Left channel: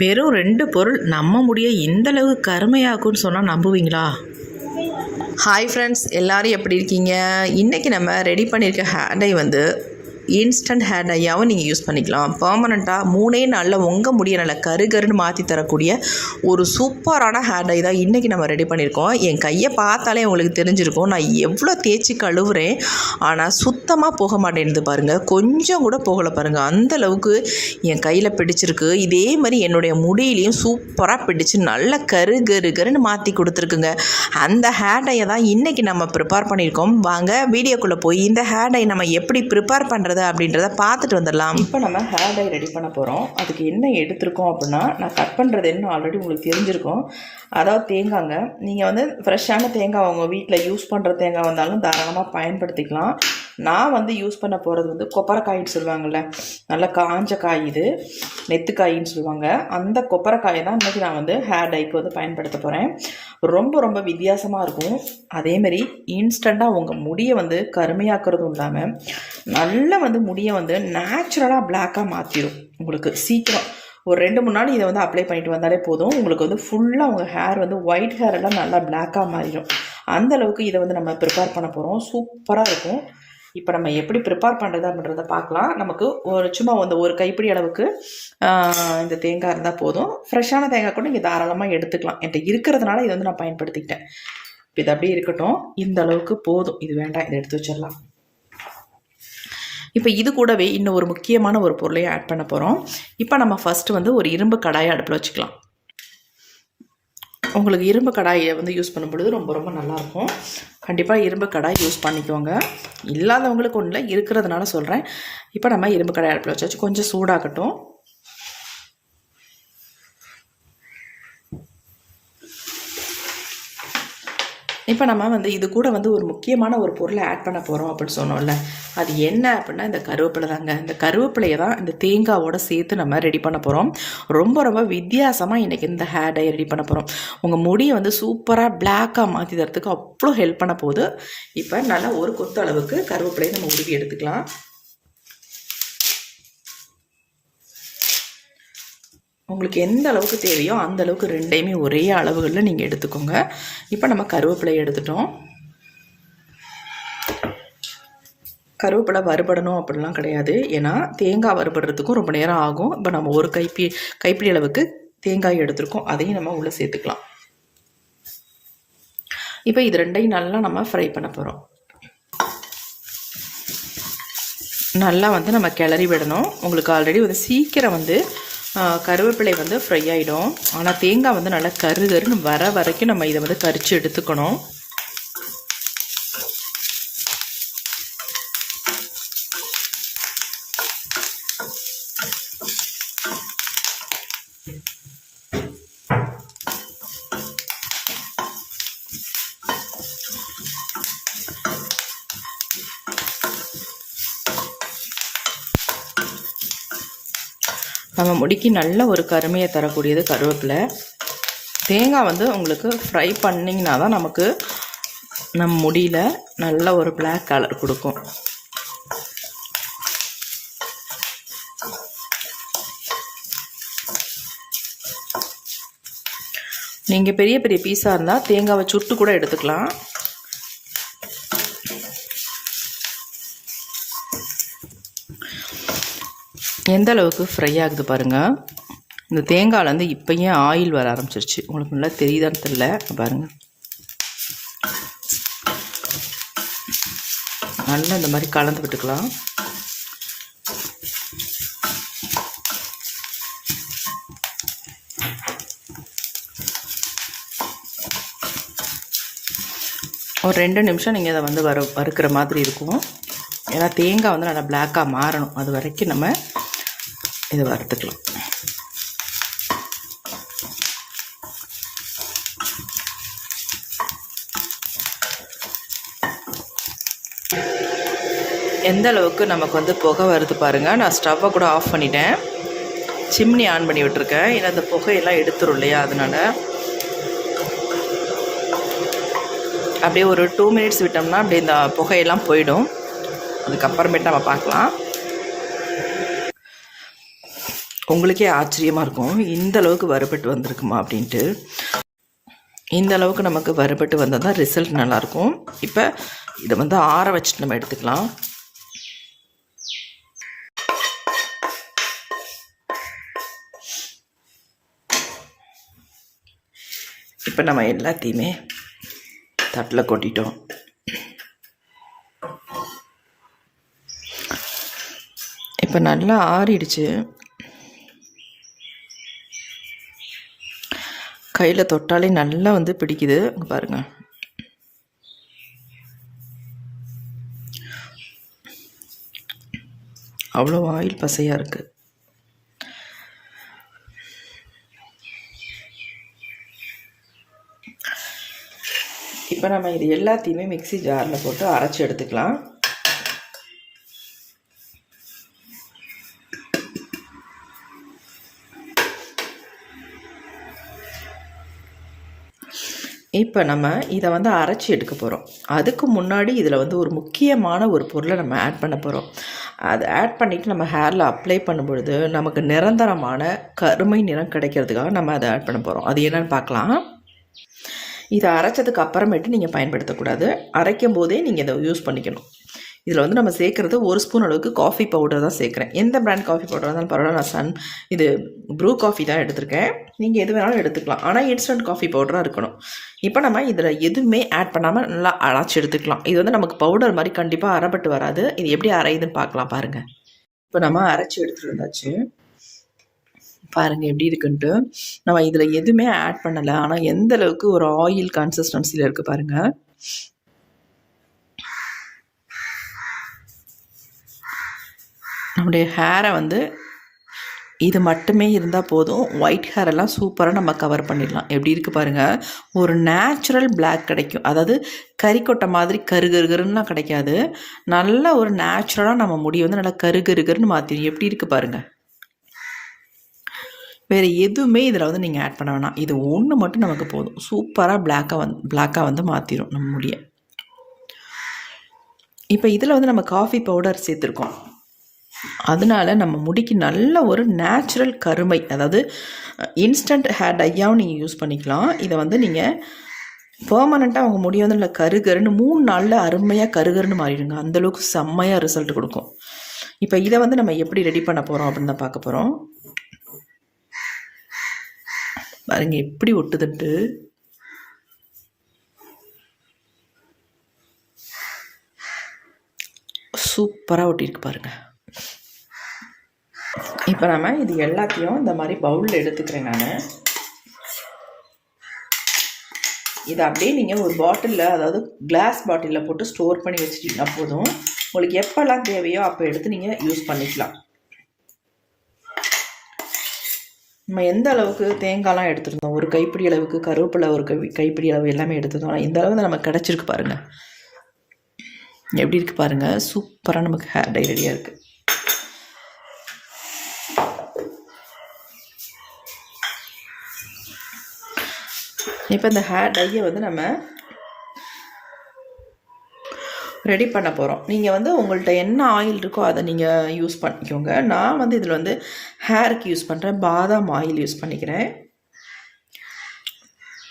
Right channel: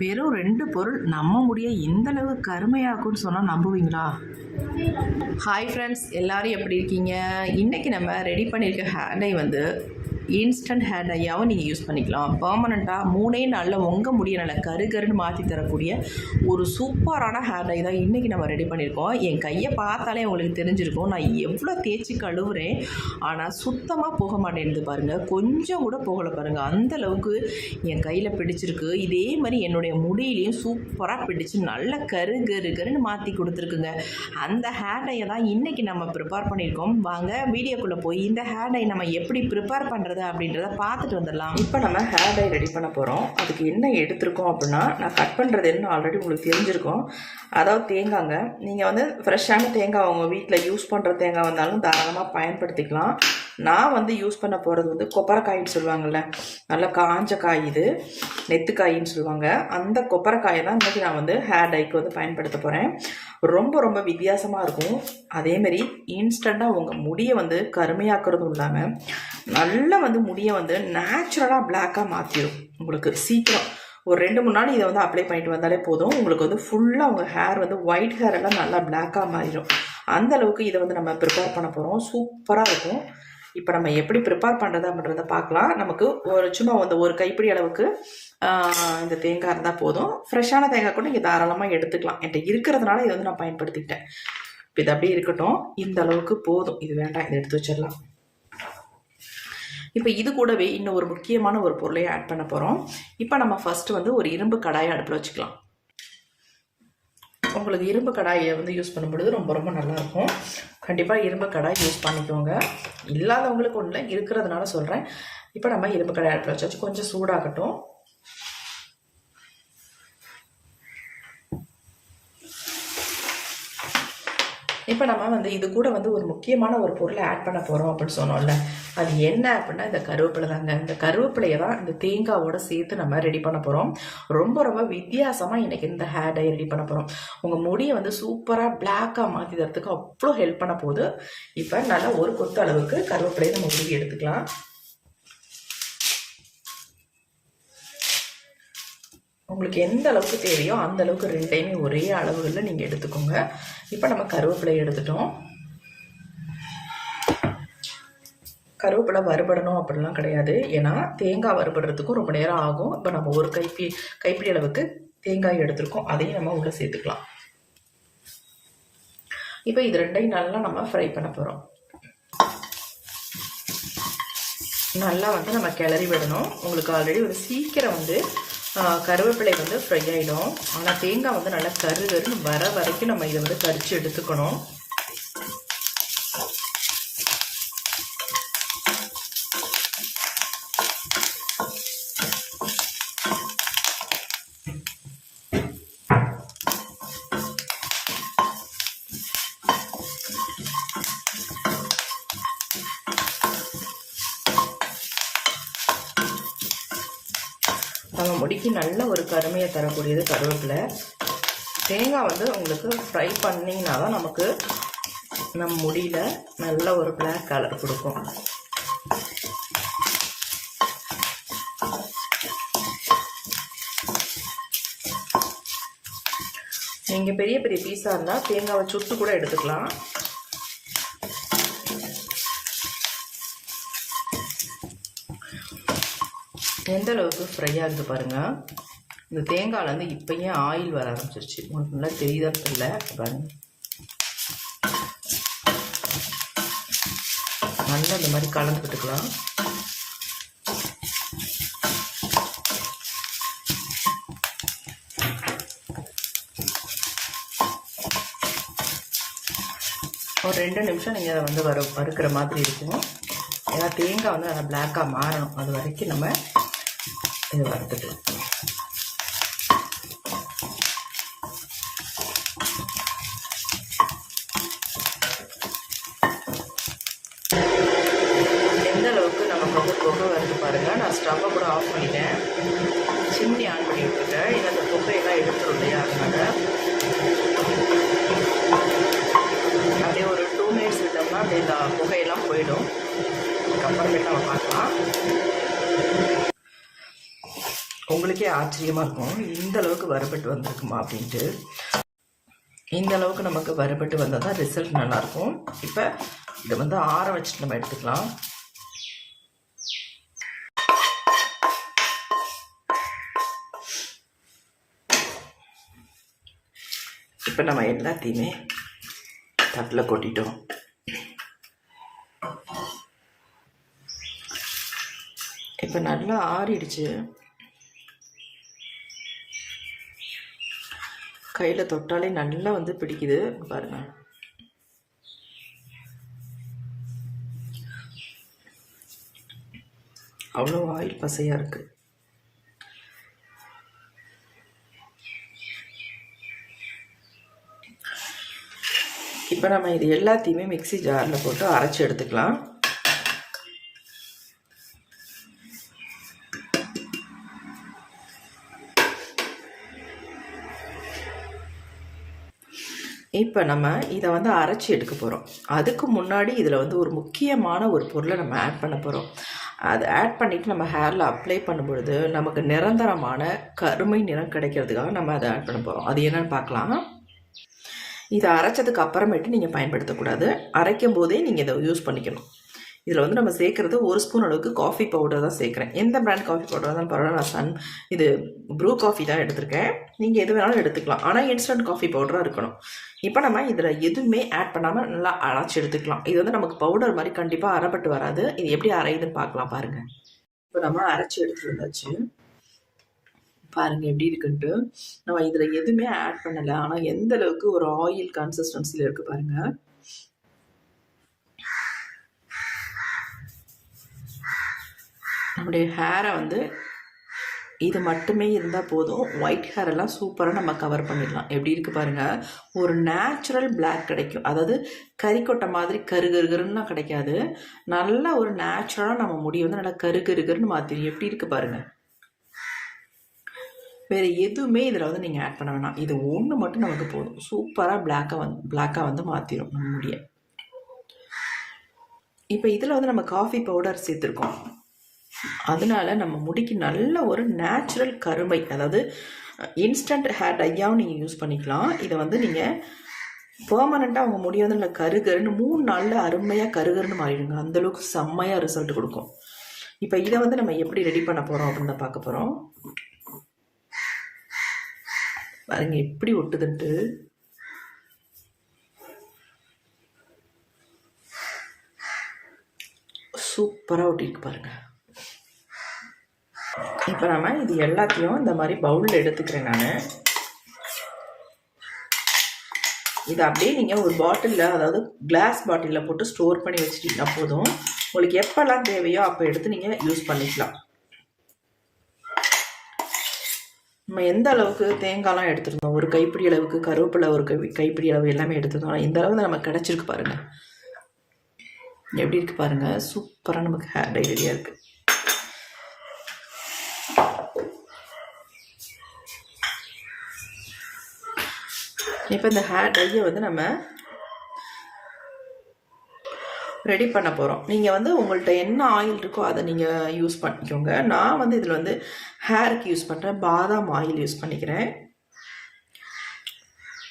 வெறும் 2 பொருள் நம்ம முடிய இந்தளவு கருமையாக்கும்னு சொன்னால் நம்புவீங்களா? ஹாய் ஃப்ரெண்ட்ஸ், எல்லோரும் எப்படி இருக்கீங்க? இன்றைக்கி நம்ம ரெடி பண்ணியிருக்க ஹேர் டை இன்ஸ்டன்ட் ஹேர் டையாகவும் நீங்கள் யூஸ் பண்ணிக்கலாம். பர்மனெண்ட்டாக 3 நாளில் உங்கள் முடிய நல்லா கருன்னு மாற்றி தரக்கூடிய ஒரு சூப்பரான ஹேர் டை தான் இன்றைக்கி நம்ம ரெடி பண்ணியிருக்கோம். என் கையை பார்த்தாலே உங்களுக்கு தெரிஞ்சிருக்கும் நான் எவ்வளோ தேய்ச்சி கழுவுறேன், ஆனால் சுத்தமாக போக மாட்டேன்து பாருங்கள். கொஞ்சம் கூட போகலை பாருங்கள், அந்தளவுக்கு என் கையில் பிடிச்சிருக்கு. இதே மாதிரி என்னுடைய முடியிலையும் சூப்பராக பிடிச்சி நல்லா கருன்னு மாற்றி கொடுத்துருக்குங்க. அந்த ஹேர் டையை தான் இன்றைக்கி நம்ம ப்ரிப்பேர் பண்ணியிருக்கோம். வாங்க வீடியோக்குள்ளே போய் இந்த ஹேர் டை நம்ம எப்படி ப்ரிப்பேர் பண்ணுறது அப்படின்றத பார்த்துட்டு வந்துடலாம். இப்போ நம்ம ஹேர் டை ரெடி பண்ண போகிறோம். அதுக்கு என்ன எடுத்திருக்கோம் அப்படின்னா, நான் கட் பண்ணுறது என்ன ஆல்ரெடி உங்களுக்கு தெரிஞ்சிருக்கும். அதாவது தேங்காய்ங்க. நீங்கள் ஃப்ரெஷ்ஷான தேங்காய் உங்கள் வீட்டில் யூஸ் பண்ணுற தேங்காய் வந்தாலும் தாராளமாக பயன்படுத்திக்கலாம். நான் யூஸ் பண்ண போகிறது கொப்பரைக்காயின்னு சொல்லுவாங்கள்ல, நல்லா காஞ்ச காய், இது நெத்துக்காயின்னு சொல்லுவாங்க. அந்த கொப்பரைக்காயை தான் இன்றைக்கி நான் ஹேர் டைக்கு பயன்படுத்த போகிறேன். ரொம்ப ரொம்ப வித்தியாசமாக இருக்கும். அதேமாரி இன்ஸ்டண்ட்டாக உங்கள் முடியை கருமையாக்குறதும் இல்லாமல் நல்லா முடியை நேச்சுரலாக பிளாக்காக மாற்றிடும். உங்களுக்கு சீக்கிரம் ஒரு 2-3 நாள் இதை அப்ளை பண்ணிட்டு வந்தாலே போதும். உங்களுக்கு ஃபுல்லாக உங்கள் ஹேர் ஒயிட் ஹேர் எல்லாம் நல்லா பிளாக்காக மாறிடும். அந்தளவுக்கு இதை நம்ம ப்ரிப்பேர் பண்ண போகிறோம். சூப்பராக இருக்கும். இப்போ நம்ம எப்படி ப்ரிப்பேர் பண்ணுறது அப்படின்றத பார்க்கலாம். நமக்கு சும்மா ஒரு கைப்பிடி அளவுக்கு இந்த தேங்காய் இருந்தால் போதும். ஃப்ரெஷ்ஷான தேங்காய் கூட நீங்கள் தாராளமாக எடுத்துக்கலாம். என்கிட்ட இருக்கிறதுனால இதை நான் பயன்படுத்திக்கிட்டேன். இப்போ இது அப்படியே இருக்கட்டும். இந்த அளவுக்கு போதும், இது வேண்டாம், இதை எடுத்து வச்சிடலாம். இப்போ இது கூடவே இன்னும் ஒரு முக்கியமான ஒரு பொருளையும் ஆட் பண்ண போகிறோம். இப்போ நம்ம ஃபஸ்ட்டு ஒரு இரும்பு கடாயை அடுப்பில் வச்சுக்கலாம். உங்களுக்கு இரும்பு கடாயை யூஸ் பண்ணும்பொழுது ரொம்ப ரொம்ப நல்லாயிருக்கும். கண்டிப்பாக இரும்பு கடாய் யூஸ் பண்ணிக்கோங்க. இல்லாதவங்களுக்கு ஒன்றும் இல்லை, இருக்கிறதுனால சொல்கிறேன். இப்போ நம்ம இரும்பு கடாய் அடுப்பில் வச்சாச்சு. கொஞ்சம் சூடாகட்டும். இப்போ நம்ம இது கூட ஒரு முக்கியமான ஒரு பொருளை ஆட் பண்ண போகிறோம் அப்படின்னு சொன்னோம்ல, அது என்ன அப்படின்னா இந்த கருவேப்பிலை தாங்க. இந்த கருவேப்பிலையை தான் இந்த தேங்காவோட சேர்த்து நம்ம ரெடி பண்ண போகிறோம். ரொம்ப ரொம்ப வித்தியாசமாக இன்றைக்கி இந்த ஹேர் டை ரெடி பண்ண போகிறோம். உங்கள் முடியை சூப்பராக பிளாக்காக மாற்றி தரத்துக்கு அவ்வளோ ஹெல்ப் பண்ண போகுது. இப்போ நல்லா ஒரு கொத்து அளவுக்கு கருவேப்பிலையை நம்ம உருவி எடுத்துக்கலாம். உங்களுக்கு எந்த அளவுக்கு தேவையோ அந்த அளவுக்கு ரெண்டையுமே ஒரே அளவுகளில் நீங்கள் எடுத்துக்கோங்க. இப்போ நம்ம கருவேப்பிலை எடுத்துட்டோம். கருவேப்பிலை வறுபடணும் அப்படிலாம் கிடையாது, ஏன்னா தேங்காய் வறுபடுறதுக்கும் ரொம்ப நேரம் ஆகும். இப்போ நம்ம ஒரு கைப்பிடி அளவுக்கு தேங்காய் எடுத்துருக்கோம், அதையும் நம்ம உள்ளே சேர்த்துக்கலாம். இப்போ இது ரெண்டையும் நல்லா நம்ம ஃப்ரை பண்ண போகிறோம். நல்லா நம்ம கிளறி விடணும். உங்களுக்கு ஆல்ரெடி சீக்கிரம் கருவேப்பிலை ஃப்ரை ஆகிடும். ஆனால் தேங்காய் நல்லா கருன்னு வர வரைக்கும் நம்ம இதை கரிச்சு எடுத்துக்கணும். நம்ம முடிக்கு நல்ல ஒரு கருமையை தரக்கூடியது கருவேப்பிலை. தேங்காய் உங்களுக்கு ஃப்ரை பண்ணிங்கன்னா தான் நமக்கு நம்ம முடியில் நல்ல ஒரு பிளாக் கலர் கொடுக்கும். நீங்கள் பெரிய பெரிய பீஸாக இருந்தால் தேங்காவை சுட்டு கூட எடுத்துக்கலாம். எந்த அளவுக்கு ஃப்ரை ஆகுது பாருங்கள். இந்த தேங்காயில் இப்போயே ஆயில் வர ஆரம்பிச்சிருச்சு. உங்களுக்கு நல்லா தெரியுதான்னு தெரியல, பாருங்கள். நல்லா இந்த மாதிரி கலந்து விட்டுக்கலாம். ஒரு 2 நிமிஷம் நீங்கள் அதை வறுக்கிற மாதிரி இருக்கும். ஏன்னா தேங்காய் நல்லா பிளாக்காக மாறணும், அது வரைக்கும் நம்ம இதை வறுத்துக்கலாம். எந்த அளவுக்கு நமக்கு புகை வருது பாருங்கள். நான் ஸ்டவ்வை கூட ஆஃப் பண்ணிட்டேன், சிம்னி ஆன் பண்ணி விட்டுருக்கேன். ஏன்னா அந்த புகையெல்லாம் எடுத்துரும் இல்லையா, அதனால் அப்படியே ஒரு 2 மினிட்ஸ் விட்டோம்னா அப்படியே இந்த புகையெல்லாம் போயிடும். அதுக்கப்புறமேட்டு நம்ம பார்க்கலாம். உங்களுக்கே ஆச்சரியமாக இருக்கும், இந்த அளவுக்கு வறுபட்டு வந்திருக்குமா அப்படின்ட்டு. இந்த அளவுக்கு நமக்கு வறுபட்டு வந்தால் தான் ரிசல்ட் நல்லாயிருக்கும். இப்போ இதை வந்து ஆற வச்சுட்டு நம்ம எடுத்துக்கலாம். இப்போ நம்ம எல்லாத்தையுமே தட்டில் கொட்டிட்டோம். இப்போ நல்லா ஆறிடுச்சு. கையில் தொட்டாலே நல்லா வந்து பிடிக்குது பாருங்கள். அவ்வளோ ஆயில் பசையாக இருக்குது. இப்போ நம்ம இது எல்லாத்தையுமே மிக்ஸி ஜாரில் போட்டு அரைச்சி எடுத்துக்கலாம். இப்போ நம்ம இதை வந்து அரைச்சி எடுக்க போகிறோம். அதுக்கு முன்னாடி இதில் வந்து ஒரு முக்கியமான ஒரு பொருளை நம்ம ஆட் பண்ண போகிறோம். அதை ஆட் பண்ணிவிட்டு நம்ம ஹேரில் அப்ளை பண்ணும்பொழுது நமக்கு நிரந்தரமான கருமை நிறம் கிடைக்கிறதுக்காக நம்ம அதை ஆட் பண்ண போகிறோம். அது என்னென்னு பார்க்கலாம். இதை அரைச்சதுக்கு அப்புறமேட்டு நீங்கள் பயன்படுத்தக்கூடாது, அரைக்கும் போதே நீங்கள் இதை யூஸ் பண்ணிக்கணும். இதில் வந்து நம்ம சேர்க்குறது 1 ஸ்பூன் அளவுக்கு காஃபி பவுடர் தான் சேர்க்குறேன். எந்த பிராண்ட் காஃபி பவுடர் இருந்தாலும் பரவாயில்ல. நான் இது ப்ரூ காஃபி தான் எடுத்திருக்கேன். நீங்கள் எது வேணாலும் எடுத்துக்கலாம், ஆனால் இன்ஸ்டன்ட் காஃபி பவுடராக இருக்கணும். இப்போ நம்ம இதில் எதுவுமே ஆட் பண்ணாமல் நல்லா அரைச்சி எடுத்துக்கலாம். இது வந்து நமக்கு பவுடர் மாதிரி கண்டிப்பாக அரைப்பட்டு வராது. இது எப்படி அரையுதுன்னு பார்க்கலாம் பாருங்கள். இப்போ நம்ம அரைச்சி எடுத்துகிட்டு வந்தாச்சு பாருங்கள் எப்படி இருக்குன்ட்டு. நம்ம இதில் எதுவுமே ஆட் பண்ணலை, ஆனால் எந்த அளவுக்கு ஒரு ஆயில் கன்சிஸ்டன்சியில் இருக்குது பாருங்கள். நம்முடைய ஹேரை வந்து இது மட்டுமே இருந்தால் போதும், ஒயிட் ஹேரெல்லாம் சூப்பராக நம்ம கவர் பண்ணிடலாம். எப்படி இருக்குது பாருங்கள், ஒரு நேச்சுரல் பிளாக் கிடைக்கும். அதாவது கறிக்கொட்டை மாதிரி கருகருகருன்னா கிடைக்காது, நல்ல ஒரு நேச்சுரலாக நம்ம முடியை வந்து நல்லா கருகருகருன்னு மாற்றிடும். எப்படி இருக்குது பாருங்கள். வேறு எதுவுமே இதில் வந்து நீங்கள் ஆட் பண்ண வேணாம், இது ஒன்று மட்டும் நமக்கு போதும். சூப்பராக பிளாக்காக வந்து மாற்றிடும் நம்ம முடியை. இப்போ இதில் வந்து நம்ம காஃபி பவுடர் சேர்த்துருக்கோம், அதனால நம்ம முடிக்கு நல்ல ஒரு நேச்சுரல் கருமை, அதாவது இன்ஸ்டன்ட் ஹேர் டையாகவும் நீங்கள் யூஸ் பண்ணிக்கலாம். இதை வந்து நீங்கள் பெர்மனெண்ட்டாக அவங்க முடி வந்து நல்லா கருகருன்னு 3 நாளில் அருமையாக கருகருன்னு மாறிடுங்க. அந்தளவுக்கு செம்மையாக ரிசல்ட் கொடுக்கும். இப்போ இதை வந்து நம்ம எப்படி ரெடி பண்ண போகிறோம் அப்படின்னு தான் பார்க்க போகிறோம். பாருங்க எப்படி ஒட்டுதுன்ட்டு. சூப்பராக ஒட்டிருக்கு பாருங்க. இப்போ நம்ம இது எல்லாத்தையும் இந்த மாதிரி பவுலில் எடுத்துக்கிறேன் நான். இதை அப்படியே நீங்கள் ஒரு பாட்டிலில், அதாவது கிளாஸ் பாட்டிலில் போட்டு ஸ்டோர் பண்ணி வச்சுட்டிங்கன்னா போதும். உங்களுக்கு எப்போல்லாம் தேவையோ அப்போ எடுத்து நீங்கள் யூஸ் பண்ணிக்கலாம். நம்ம எந்த அளவுக்கு தேங்காய்லாம் எடுத்துருந்தோம், ஒரு கைப்பிடி அளவுக்கு கருவேப்பிலை, ஒரு கைப்பிடி அளவு எல்லாமே எடுத்துருந்தோம். இந்த அளவு நமக்கு கிடச்சிருக்கு பாருங்கள். எப்படி இருக்குது பாருங்கள், சூப்பராக நமக்கு ஹேர் டை ரெடியாக இருக்குது. இப்போ இந்த ஹேர் டையை வந்து நம்ம ரெடி பண்ண போகிறோம். நீங்கள் வந்து உங்கள்கிட்ட என்ன ஆயில் இருக்கோ அதை நீங்கள் யூஸ் பண்ணிக்கோங்க. நான் வந்து இதில் வந்து ஹேருக்கு யூஸ் பண்ணுறேன், பாதாம் ஆயில் யூஸ் பண்ணிக்கிறேன்.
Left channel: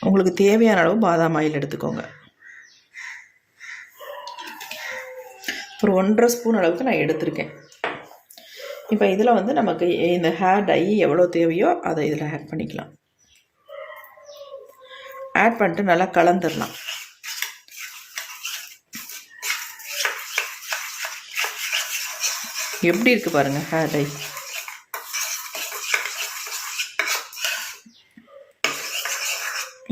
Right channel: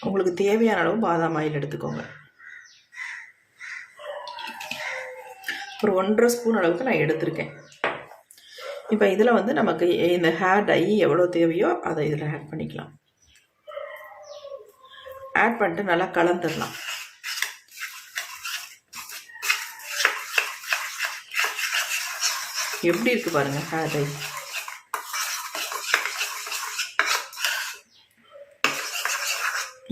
உங்களுக்கு தேவையான அளவு பாதாம் ஆயில் எடுத்துக்கோங்க. ஒரு 1.5 ஸ்பூன் அளவுக்கு நான் எடுத்திருக்கேன். இப்போ இதில் வந்து நமக்கு இந்த ஹேர் டை எவ்வளோ தேவையோ அதை இதில் ஆட் பண்ணிக்கலாம். ஆட் பண்ணிட்டு நல்லா கலந்துடலாம். எப்படி இருக்குது பாருங்கள் ஹேர் டை.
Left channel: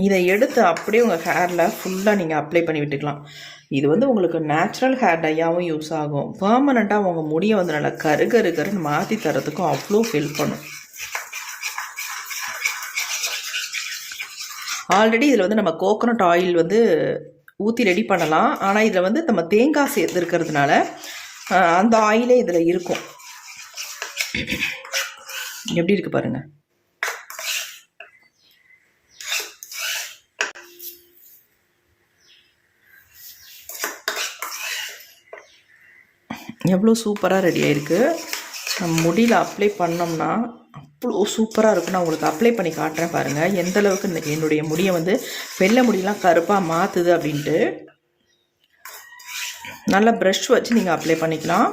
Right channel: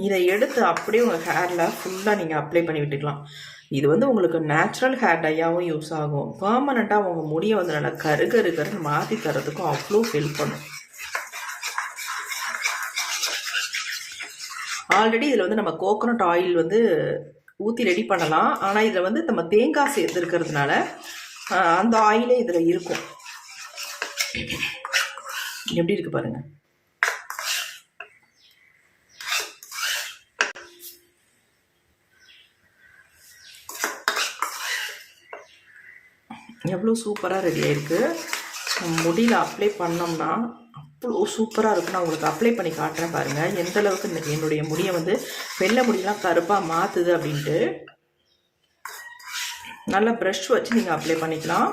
இதை எடுத்து அப்படியே உங்கள் ஹேரில் ஃபுல்லாக நீங்கள் அப்ளை பண்ணி விட்டுக்கலாம். இது வந்து உங்களுக்கு நேச்சுரல் ஹேர் டையாகவும் யூஸ் ஆகும், பெர்மனெண்ட்டாக உங்கள் முடியை வந்து நல்லா கருகருன்னு மாற்றி தரதுக்கும் அவ்வளோ ஹெல்ப் பண்ணும். ஆல்ரெடி இதில் வந்து நம்ம கோகோனட் ஆயில் வந்து ஊற்றி ரெடி பண்ணலாம், ஆனால் இதில் வந்து நம்ம தேங்காய் சேர்த்துருக்கிறதுனால அந்த ஆயிலே இதில் இருக்கும். எப்படி இருக்குது பாருங்கள். எவ்வளோ சூப்பராக ரெடி ஆகிருக்கு. நம்ம முடியில் அப்ளை பண்ணோம்னா அவ்வளோ சூப்பராக இருக்கும். நான் உங்களுக்கு அப்ளை பண்ணி காட்டுறேன் பாருங்கள் எந்த அளவுக்கு என்னுடைய முடியை வந்து வெள்ளை முடியெல்லாம் கருப்பாக மாற்றுது அப்படின்ட்டு. நல்லா ப்ரஷ் வச்சு நீங்கள் அப்ளை பண்ணிக்கலாம்.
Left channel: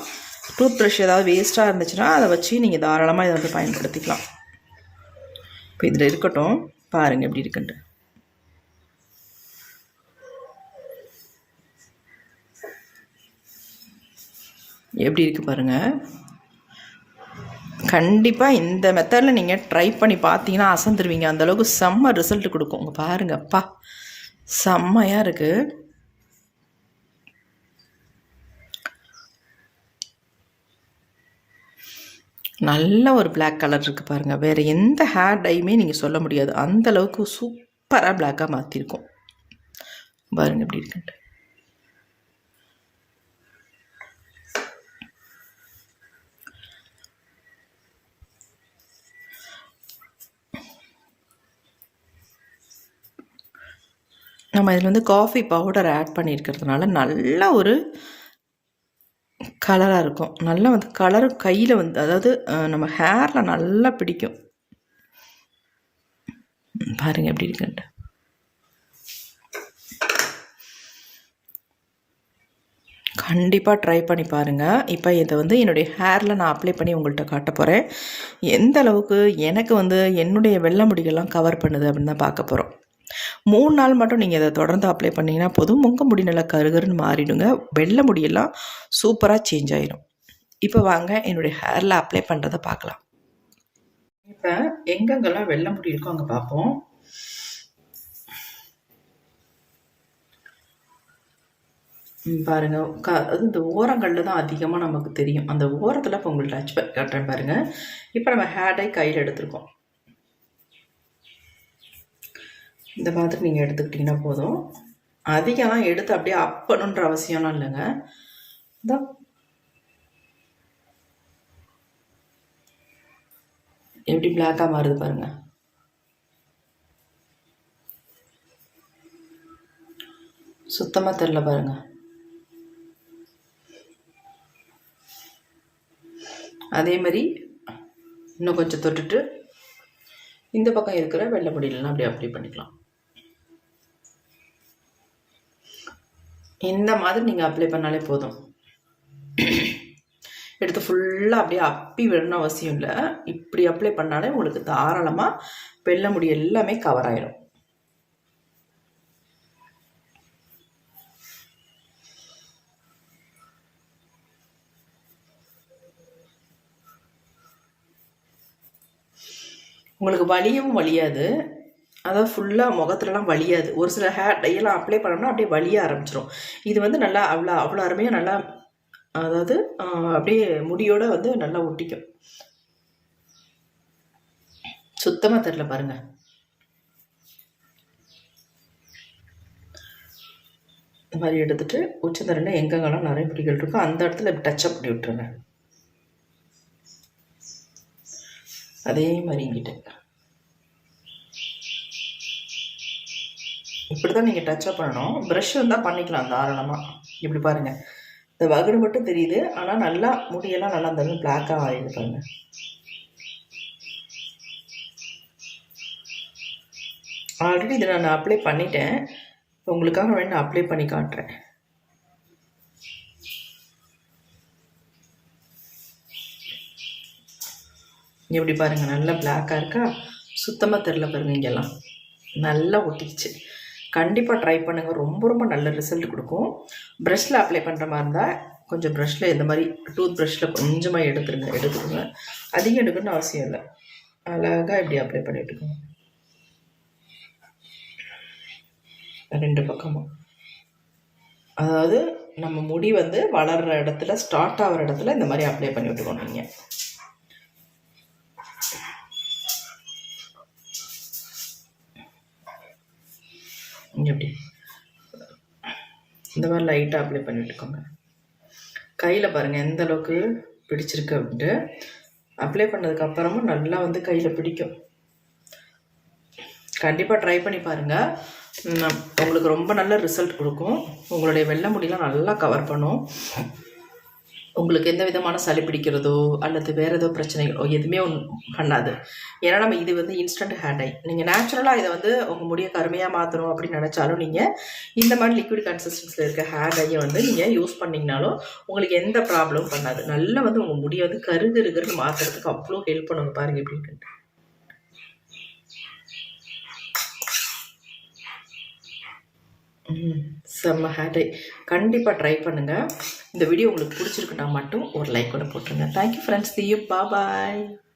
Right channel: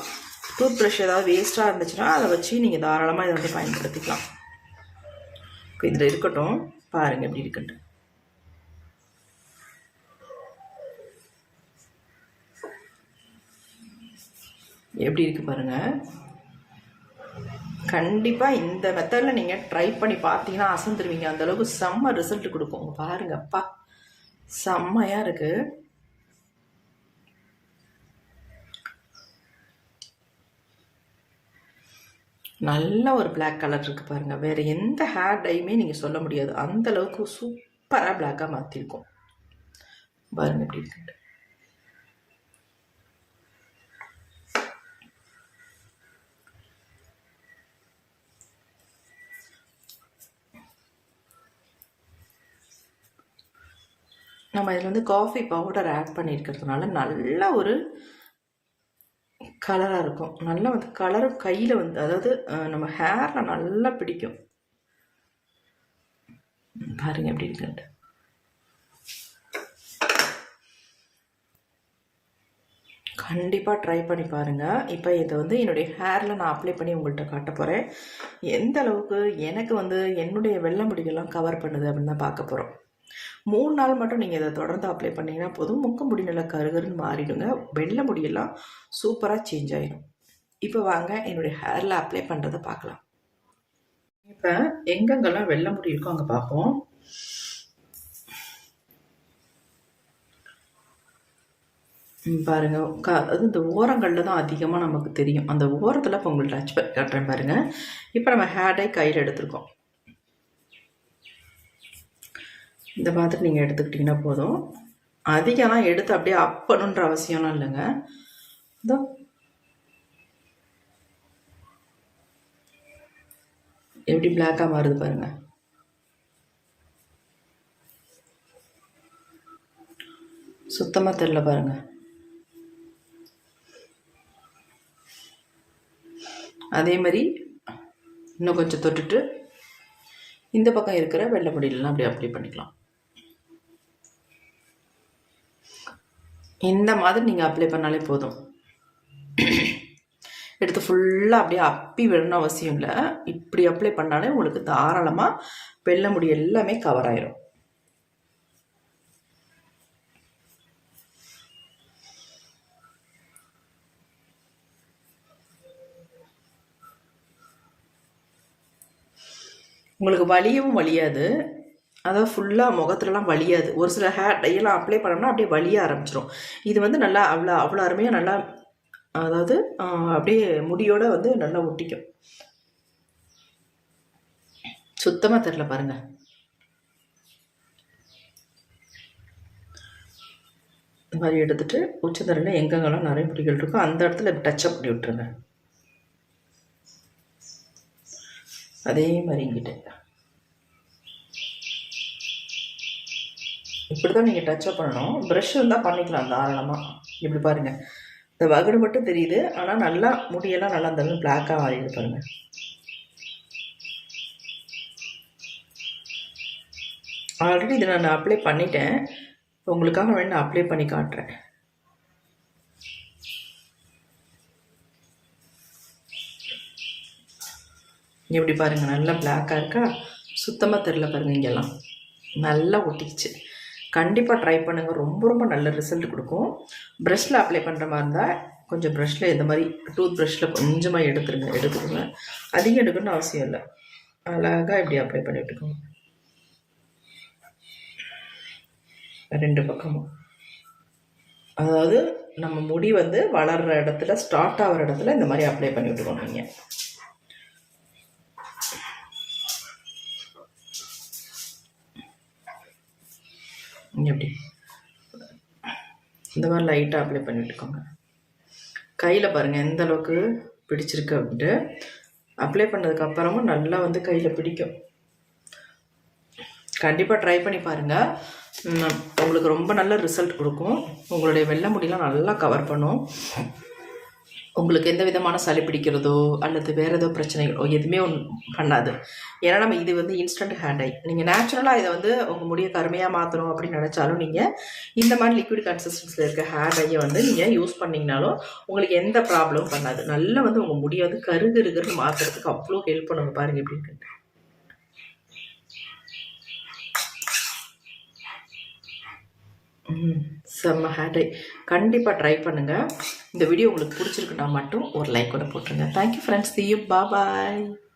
டூத் ப்ரஷ் ஏதாவது வேஸ்ட்டாக இருந்துச்சுன்னா அதை வச்சு நீங்கள் தாராளமாக இதை வந்து பயன்படுத்திக்கலாம். இப்போ இதில் இருக்கட்டும், பாருங்கள் எப்படி இருக்குன்ட்டு. எப்படி இருக்குது பாருங்கள். கண்டிப்பாக இந்த மெத்தடில் நீங்கள் ட்ரை பண்ணி பார்த்தீங்கன்னா அசந்துருவீங்க. அந்தளவுக்கு செம்ம ரிசல்ட் கொடுக்கும். உங்கள் பாருங்கள், அப்பா செம்மையாக இருக்குது. நல்ல ஒரு பிளாக் கலர் இருக்குது பாருங்கள். வேறு எந்த ஹேர் டையுமே நீங்கள் சொல்ல முடியாது, அந்தளவுக்கு சூப்பராக பிளாக்காக மாற்றிருக்கும். பாருங்கள் எப்படி இருக்குன்ட்டு. நம்ம இதில் வந்து காஃபி பவுடர் ஆட் பண்ணியிருக்கிறதுனால நல்ல ஒரு கலராக இருக்கும். நல்லா வந்து கலரும் கையில் வந்து, அதாவது நம்ம ஹேரில் நல்லா பிடிக்கும். பாருங்கள் எப்படி இருக்குன்ட்டு. கண்டிப்பாக ட்ரை பண்ணி பாருங்கள். இப்போ இதை வந்து என்னுடைய ஹேரில் நான் அப்ளை பண்ணி உங்கள்கிட்ட காட்ட போகிறேன். எந்த அளவுக்கு எனக்கு வந்து என்னுடைய வெள்ளை முடிகள்லாம் கவர் பண்ணுது அப்படின்னு தான் பார்க்க போகிறோம். 3 நாள் மட்டும் நீங்கள் இதை தொடர்ந்து அப்ளை பண்ணிங்கன்னா போதும். உங்கள் முடி நல்லா கருகருன்னு மாறிடுங்க. வெள்ளை முடியெல்லாம் சூப்பராக சேஞ்ச் ஆகிடும். இப்போ வாங்க என்னுடைய ஹேரில் அப்ளை பண்ணுறதை பார்க்கலாம். இப்போ எங்கெங்கெல்லாம் வெள்ளை முடி இருக்கோ அங்கே பார்ப்போம். பாருங்கள், அது இந்த ஓரங்களில் தான் அதிகமாக நமக்கு தெரியும். அந்த ஓரத்தில் இப்போ உங்களுக்கு டச் பண்ணி காட்டுறேன் பாருங்கள். இப்போ நம்ம ஹேர் டை கையில் எடுத்துருக்கோம். இந்த மாதிரி நீங்கள் எடுத்துக்கிட்டிங்கன்னா போதும். அதிகமாக எடுத்து அப்படியே அப்பணுன்ற அவசியம்லாம் இல்லைங்க. இந்த எப்படி பிளாக்காக மாறுது பாருங்கள். சுத்தமாக தெரில பாருங்கள். அதே மாதிரி இன்னும் கொஞ்சம் தொட்டுட்டு இந்த பக்கம் இருக்கிற வெள்ளை முடியலாம் அப்படியே அப்ளை பண்ணிக்கலாம். இந்த மாதிரி நீங்கள் அப்ளை பண்ணாலே போதும். எடுத்து ஃபுல்லாக அப்படியே அப்பி விடணும் அவசியம் இல்லை. இப்படி அப்ளை பண்ணாலே உங்களுக்கு தாராளமாக வெள்ளை முடி எல்லாமே கவர் ஆயிரும். உங்களுக்கு வலியவும் வலியாது, அதாவது ஃபுல்லாக முகத்துலலாம் வலியாது. ஒரு சில ஹேர் டையெல்லாம் அப்ளை பண்ணோம்னா அப்படியே வலிய ஆரம்பிச்சிடும். இது வந்து நல்லா அவ்வளோ அருமையாக நல்லா, அதாவது அப்படியே முடியோடு வந்து நல்லா ஒட்டிக்கும். சுத்தமாக தெரில பாருங்கள். இந்த மாதிரி எடுத்துகிட்டு உச்சந்தரையில் எங்கெங்கெல்லாம் நிறைய முடிகள் இருக்கோ அந்த இடத்துல டச்சப் பண்ணி விட்டுருங்க. அதே மாதிரி இங்கிட்ட இப்படி தான் நீங்கள் டச்சப் பண்ணணும். ப்ரஷ் இருந்தால் பண்ணிக்கலாம் தாராளமாக. இப்படி பாருங்கள், இந்த வகுடு மட்டும் தெரியுது, ஆனால் நல்லா முடியெல்லாம் நல்லா அந்த பிளாக்காக மாறிடுது பாருங்கள். ஆல்ரெடி இதை நான் அப்ளை பண்ணிட்டேன். உங்களுக்காக வேணும் அப்ளை பண்ணி காட்டுறேன். எப்படி பாருங்கள், நல்லா பிளாக்காக இருக்கா, சுத்தமாக தெரில பாருங்கள். இங்கெல்லாம் நல்லா ஒட்டிக்கிச்சு. கண்டிப்பாக ட்ரை பண்ணுங்கள், ரொம்ப ரொம்ப நல்ல ரிசல்ட் கொடுக்கும். ப்ரஷ்ஷில் அப்ளை பண்ணுற மாதிரி இருந்தால் கொஞ்சம் ப்ரஷ்ஷில் இந்த மாதிரி டூத் ப்ரஷ்ஷில் கொஞ்சமாக எடுத்துக்கோங்க. அதிகம் எடுக்கணும்னு அவசியம் இல்லை. அழகாக இப்படி அப்ளை பண்ணி விட்டுக்கோங்க ரெண்டு பக்கமும். அதாவது நம்ம முடி வந்து வளர்கிற இடத்துல, ஸ்டார்ட் ஆகிற இடத்துல இந்த மாதிரி அப்ளை பண்ணி விட்டுக்கோங்க. நீங்கள் எப்படி இந்த மாதிரி லைட்டாக அப்ளை பண்ணி விட்டுக்கோங்க. கையில் பாருங்கள் எந்த அளவுக்கு பிடிச்சிருக்கு அப்படின்ட்டு. அப்ளை பண்ணதுக்கப்புறமும் நல்லா வந்து கையில் பிடிக்கும். கண்டிப்பாக ட்ரை பண்ணி பாருங்கள், உங்களுக்கு ரொம்ப நல்ல ரிசல்ட் கொடுக்கும். உங்களுடைய வெள்ளை முடியெலாம் நல்லா கவர் பண்ணும். உங்களுக்கு எந்த விதமான சளி பிடிக்கிறதோ அல்லது வேறு ஏதோ பிரச்சனைகளோ எதுவுமே பண்ணாது. ஏன்னா நம்ம இது வந்து இன்ஸ்டன்ட் ஹேர் டை. நீங்கள் நேச்சுரலாக இதை வந்து உங்கள் முடியை கருமையாக மாற்றணும் அப்படின்னு நினச்சாலும் நீங்கள் இந்த மாதிரி லிக்விட் கன்சிஸ்டன்சியில் இருக்க ஹேர் டையை வந்து நீங்கள் யூஸ் பண்ணிங்கனாலும் உங்களுக்கு எந்த ப்ராப்ளமும் பண்ணாது. நல்லா வந்து உங்கள் முடியை வந்து கருகருன்னு மாற்றுறதுக்கு அவ்வளோ ஹெல்ப் பண்ணுங்க. பாருங்கள் எப்படி இருக்குன்ட்டு. செம்ம ஹேர் டை. கண்டிப்பாக ட்ரை பண்ணுங்கள். இந்த வீடியோ உங்களுக்கு பிடிச்சிருக்குன்னா மட்டும் ஒரு லைக் கூட போட்டுருங்க. Thank you friends. See you. Bye bye.